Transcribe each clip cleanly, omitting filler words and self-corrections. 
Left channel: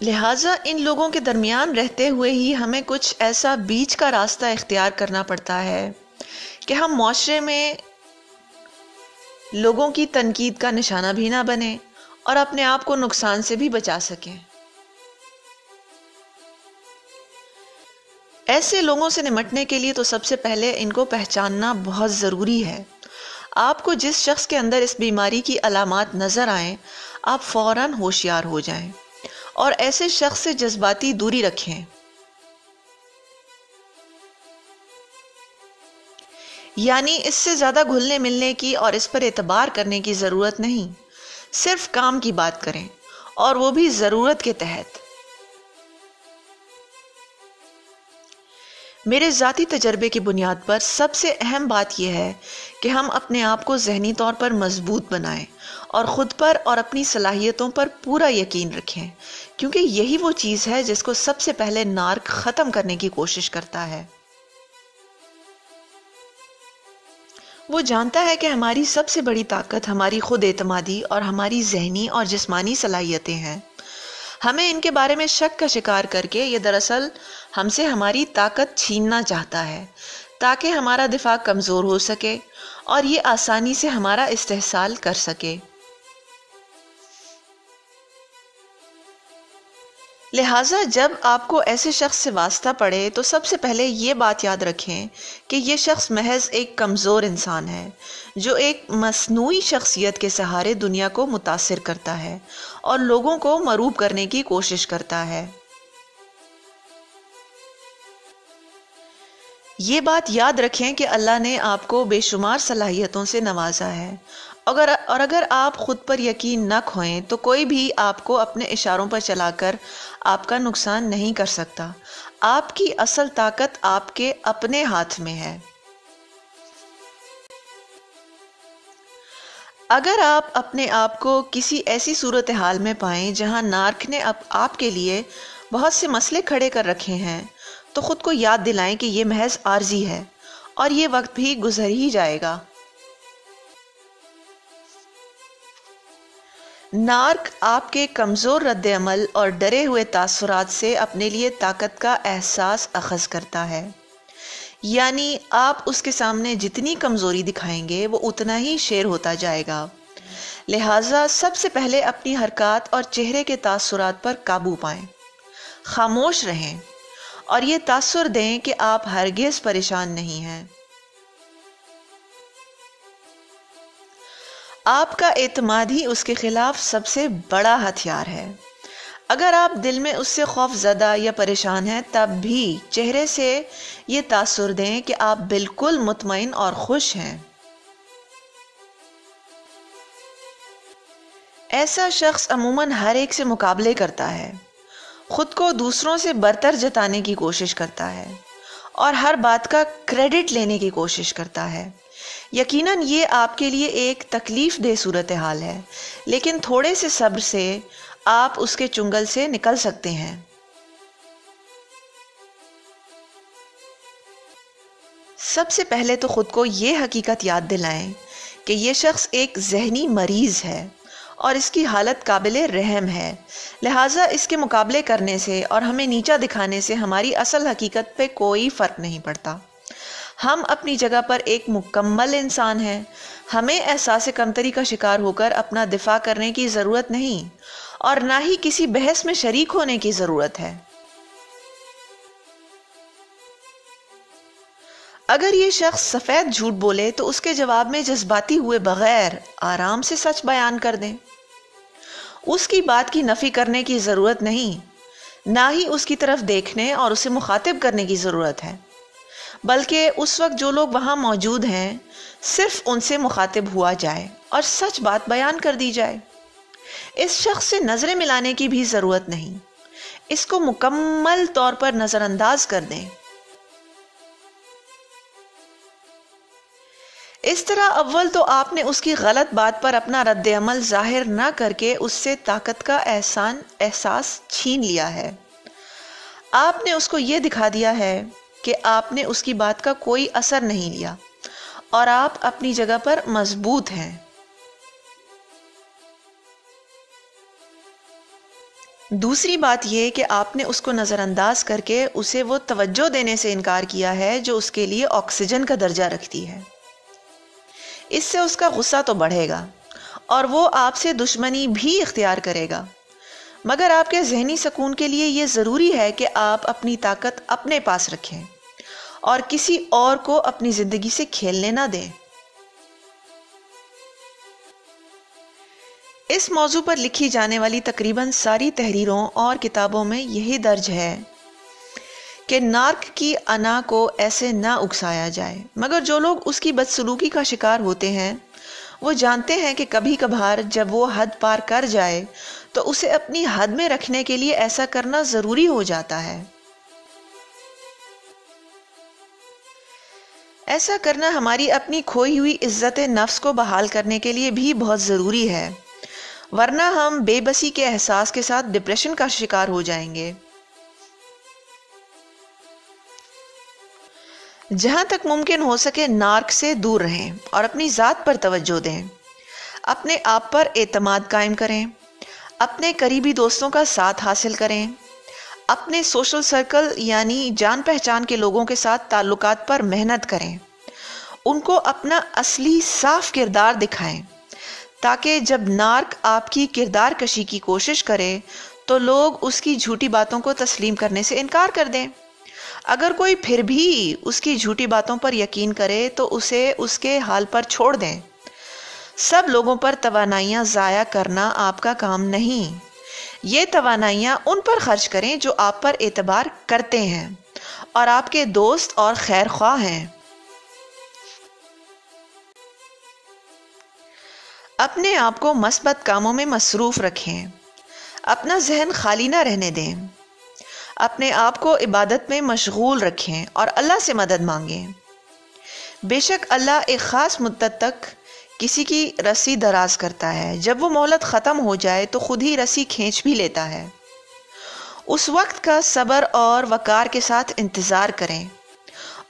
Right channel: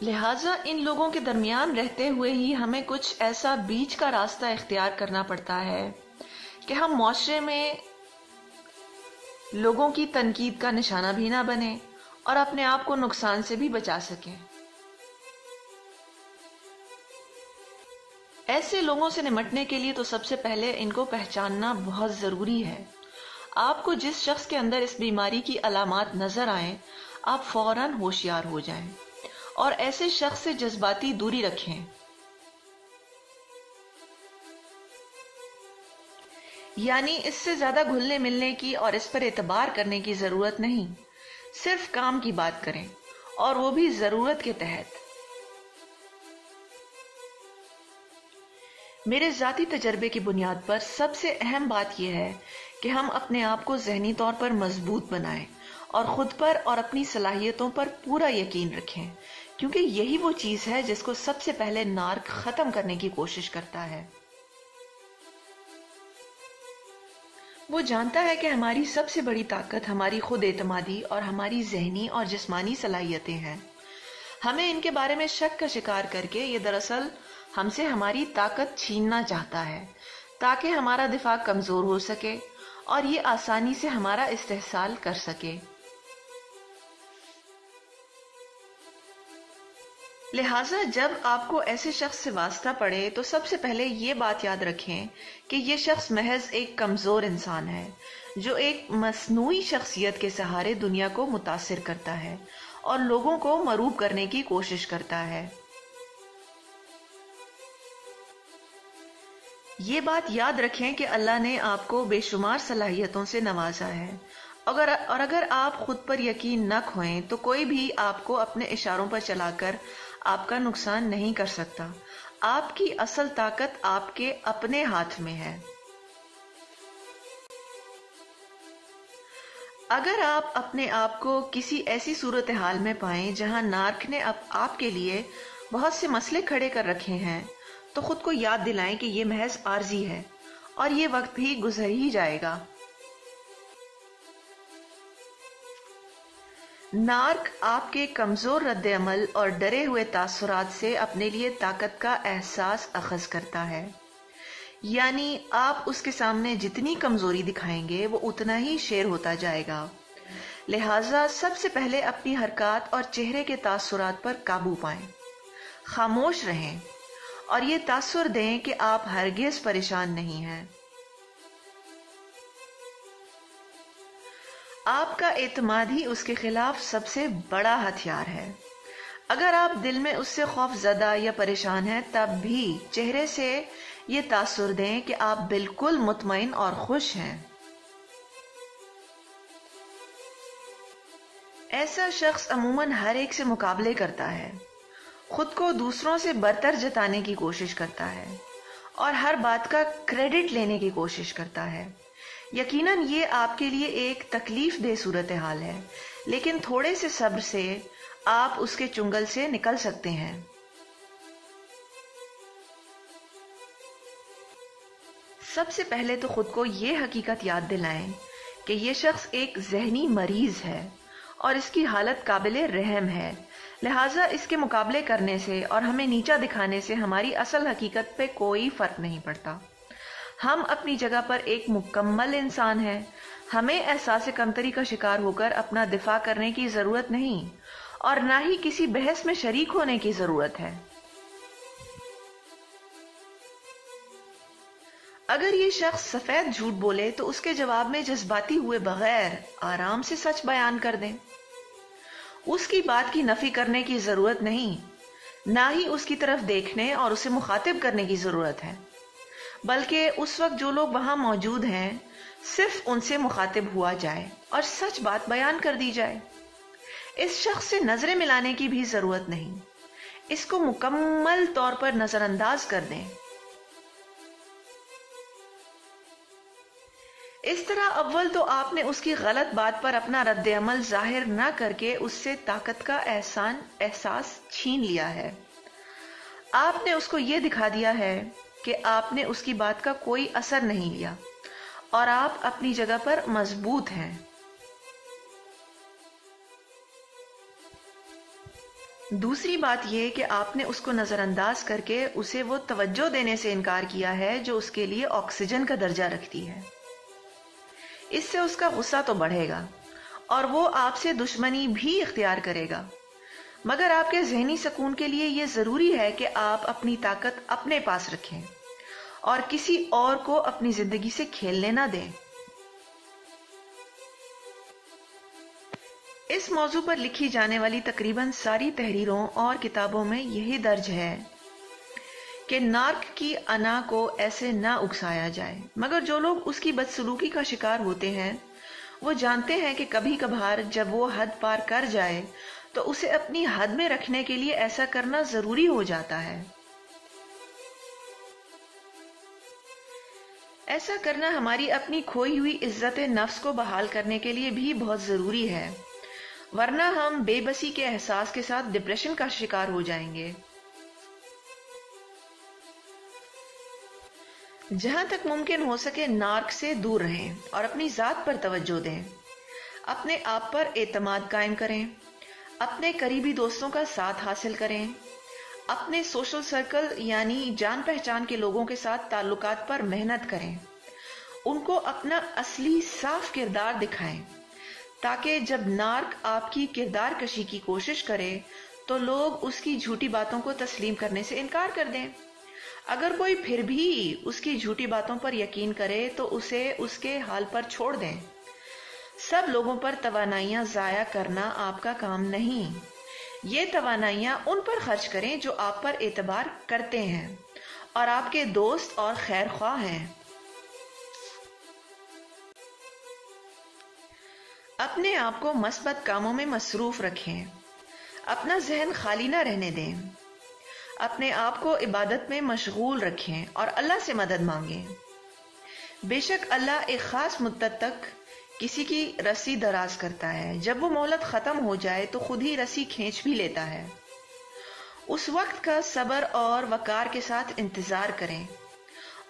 لہٰذا ان لوگوں کے درمیان رہتے ہوئے ہی ہمیں کچھ ایسا بیچ کا راستہ اختیار کرنا پڑتا ہے کہ ہم معاشرے میں لوگوں کی تنقید کا نشانہ بھی نہ بنیں اور اپنے آپ کو نقصان سے بھی بچا سکیں۔ ایسے لوگوں سے نمٹنے کے لیے تو سب سے پہلے ان کو پہچاننا بہت ضروری ہے۔ آپ کو جس شخص کے اندر اس بیماری کی علامات نظر آئیں، آپ فوراً ہوشیار ہو جائیں اور ایسے شخص سے جذباتی دوری رکھیں۔ یعنی اس سے زیادہ گھلنے ملنے کی اور اس پر اعتبار کرنے کی ضرورت نہیں، صرف کام کی بات کریں اور وہ بھی ضرورت کے تحت۔ میرے ذاتی تجربے کی بنیاد پر سب سے اہم بات یہ ہے کہ ہم اپنے آپ کو ذہنی طور پر مضبوط بنائیں اور خود پر اور اپنی صلاحیتوں پر پورا یقین رکھیں، کیونکہ یہی وہ چیز ہے جس کو سب سے پہلے نارک ختم کرنے کی کوشش کرتا ہے۔ وہ جانتا ہے کہ ہماری سب سے بڑی طاقت ہماری خود اعتمادی اور ہماری ذہنی اور جسمانی صلاحیتیں ہیں۔ ہمیں ان کے بارے میں شک کا شکار کر کے یہ دراصل ہم سے ہماری طاقت چھیننا چاہتا ہے تاکہ ہمارا دفاع کمزور ہو سکے اور یہ آسانی سے ہمارا استحصال کر سکے۔ لہٰذا جب آپ کو ایسے شخص سے واسطہ پڑے تو سب سے پہلے یہ بات یاد رکھیں کہ یہ شخص محض ایک کمزور انسان ہے جو ایک مصنوعی شخصیت کے سہارے دنیا کو متاثر کرتا ہے اور لوگوں کو مروب کرنے کی کوشش کرتا ہے۔ یہ بات یاد رکھیں کہ اللہ نے آپ کو بے شمار صلاحیتوں سے نوازا ہے، اور اگر آپ خود پر یقین نہ کھوئیں تو کوئی بھی آپ کو اپنے اشاروں پر چلا کر آپ کا نقصان نہیں کر سکتا۔ آپ کی اصل طاقت آپ کے اپنے ہاتھ میں ہے۔ اگر آپ اپنے آپ کو کسی ایسی صورتحال میں پائیں جہاں نارک نے آپ کے لیے بہت سے مسئلے کھڑے کر رکھے ہیں تو خود کو یاد دلائیں کہ یہ محض عارضی ہے اور یہ وقت بھی گزر ہی جائے گا۔ نارک آپ کے کمزور رد عمل اور ڈرے ہوئے تاثرات سے اپنے لیے طاقت کا احساس اخذ کرتا ہے، یعنی آپ اس کے سامنے جتنی کمزوری دکھائیں گے وہ اتنا ہی شیر ہوتا جائے گا۔ لہٰذا سب سے پہلے اپنی حرکات اور چہرے کے تاثرات پر قابو پائیں، خاموش رہیں اور یہ تاثر دیں کہ آپ ہرگز پریشان نہیں ہیں۔ آپ کا اعتماد ہی اس کے خلاف سب سے بڑا ہتھیار ہے۔ اگر آپ دل میں اس سے خوف زدہ یا پریشان ہیں تب بھی چہرے سے یہ تاثر دیں کہ آپ بالکل مطمئن اور خوش ہیں۔ ایسا شخص عموماً ہر ایک سے مقابلے کرتا ہے، خود کو دوسروں سے برتر جتانے کی کوشش کرتا ہے اور ہر بات کا کریڈٹ لینے کی کوشش کرتا ہے۔ یقیناً یہ آپ کے لیے ایک تکلیف دہ صورتحال ہے، لیکن تھوڑے سے صبر سے آپ اس کے چنگل سے نکل سکتے ہیں۔ سب سے پہلے تو خود کو یہ حقیقت یاد دلائیں کہ یہ شخص ایک ذہنی مریض ہے اور اس کی حالت قابل رحم ہے، لہٰذا اس کے مقابلے کرنے سے اور ہمیں نیچا دکھانے سے ہماری اصل حقیقت پہ کوئی فرق نہیں پڑتا۔ ہم اپنی جگہ پر ایک مکمل انسان ہیں، ہمیں احساس کمتری کا شکار ہو کر اپنا دفاع کرنے کی ضرورت نہیں اور نہ ہی کسی بحث میں شریک ہونے کی ضرورت ہے۔ اگر یہ شخص سفید جھوٹ بولے تو اس کے جواب میں جذباتی ہوئے بغیر آرام سے سچ بیان کر دیں۔ اس کی بات کی نفی کرنے کی ضرورت نہیں، نہ ہی اس کی طرف دیکھنے اور اسے مخاطب کرنے کی ضرورت ہے، بلکہ اس وقت جو لوگ وہاں موجود ہیں صرف ان سے مخاطب ہوا جائے اور سچ بات بیان کر دی جائے۔ اس شخص سے نظریں ملانے کی بھی ضرورت نہیں، اس کو مکمل طور پر نظر انداز کر دیں۔ اس طرح اول تو آپ نے اس کی غلط بات پر اپنا رد عمل ظاہر نہ کر کے اس سے طاقت کا احساس چھین لیا ہے۔ آپ نے اس کو یہ دکھا دیا ہے کہ آپ نے اس کی بات کا کوئی اثر نہیں لیا اور آپ اپنی جگہ پر مضبوط ہیں۔ دوسری بات یہ کہ آپ نے اس کو نظر انداز کر کے اسے وہ توجہ دینے سے انکار کیا ہے جو اس کے لیے آکسیجن کا درجہ رکھتی ہے۔ اس سے اس کا غصہ تو بڑھے گا اور وہ آپ سے دشمنی بھی اختیار کرے گا، مگر آپ کے ذہنی سکون کے لیے یہ ضروری ہے کہ آپ اپنی طاقت اپنے پاس رکھیں اور کسی اور کو اپنی زندگی سے کھیلنے نہ دیں۔ اس موضوع پر لکھی جانے والی تقریباً ساری تحریروں اور کتابوں میں یہی درج ہے کہ نارک کی انا کو ایسے نہ اکسایا جائے، مگر جو لوگ اس کی بدسلوکی کا شکار ہوتے ہیں وہ جانتے ہیں کہ کبھی کبھار جب وہ حد پار کر جائے تو اسے اپنی حد میں رکھنے کے لیے ایسا کرنا ضروری ہو جاتا ہے۔ ایسا کرنا ہماری اپنی کھوئی ہوئی عزت نفس کو بحال کرنے کے لیے بھی بہت ضروری ہے، ورنہ ہم بے بسی کے احساس کے ساتھ ڈپریشن کا شکار ہو جائیں گے۔ جہاں تک ممکن ہو سکے نارک سے دور رہیں اور اپنی ذات پر توجہ دیں۔ اپنے آپ پر اعتماد قائم کریں، اپنے قریبی دوستوں کا ساتھ حاصل کریں، اپنے سوشل سرکل یعنی جان پہچان کے لوگوں کے ساتھ تعلقات پر محنت کریں، ان کو اپنا اصلی صاف کردار دکھائیں تاکہ جب نارک آپ کی کردار کشی کی کوشش کرے تو لوگ اس کی جھوٹی باتوں کو تسلیم کرنے سے انکار کر دیں۔ اگر کوئی پھر بھی اس کی جھوٹی باتوں پر یقین کرے تو اسے اس کے حال پر چھوڑ دیں۔ سب لوگوں پر توانائیاں ضائع کرنا آپ کا کام نہیں، یہ توانائیاں ان پر خرچ کریں جو آپ پر اعتبار کرتے ہیں اور آپ کے دوست اور خیر خواہ ہیں۔ اپنے آپ کو مثبت کاموں میں مصروف رکھیں، اپنا ذہن خالی نہ رہنے دیں، اپنے آپ کو عبادت میں مشغول رکھیں اور اللہ سے مدد مانگیں۔ بے شک اللہ ایک خاص مدت تک کسی کی رسی دراز کرتا ہے، جب وہ مہلت ختم ہو جائے تو خود ہی رسی کھینچ بھی لیتا ہے۔ اس وقت کا صبر اور وقار کے ساتھ انتظار کریں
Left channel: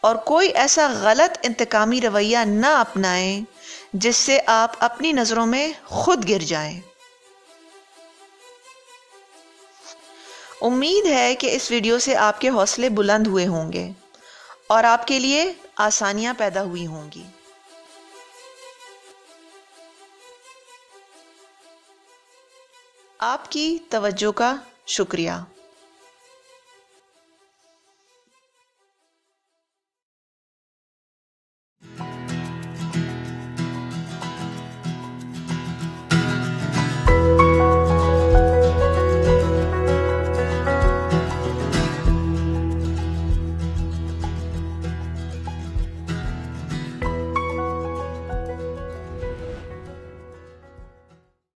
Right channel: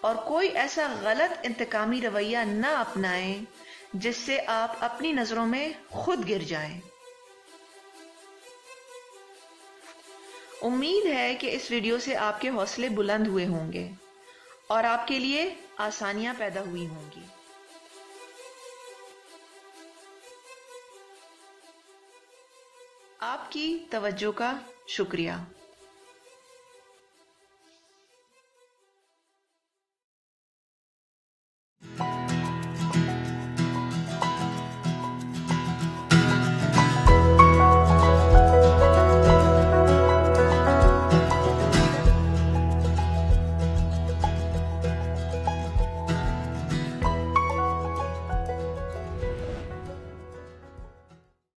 اور کوئی ایسا غلط انتقامی رویہ نہ اپنائیں جس سے آپ اپنی نظروں میں خود گر جائیں۔ امید ہے کہ اس ویڈیو سے آپ کے حوصلے بلند ہوئے ہوں گے اور آپ کے لیے آسانیاں پیدا ہوئی ہوں گی۔ آپ کی توجہ کا شکریہ۔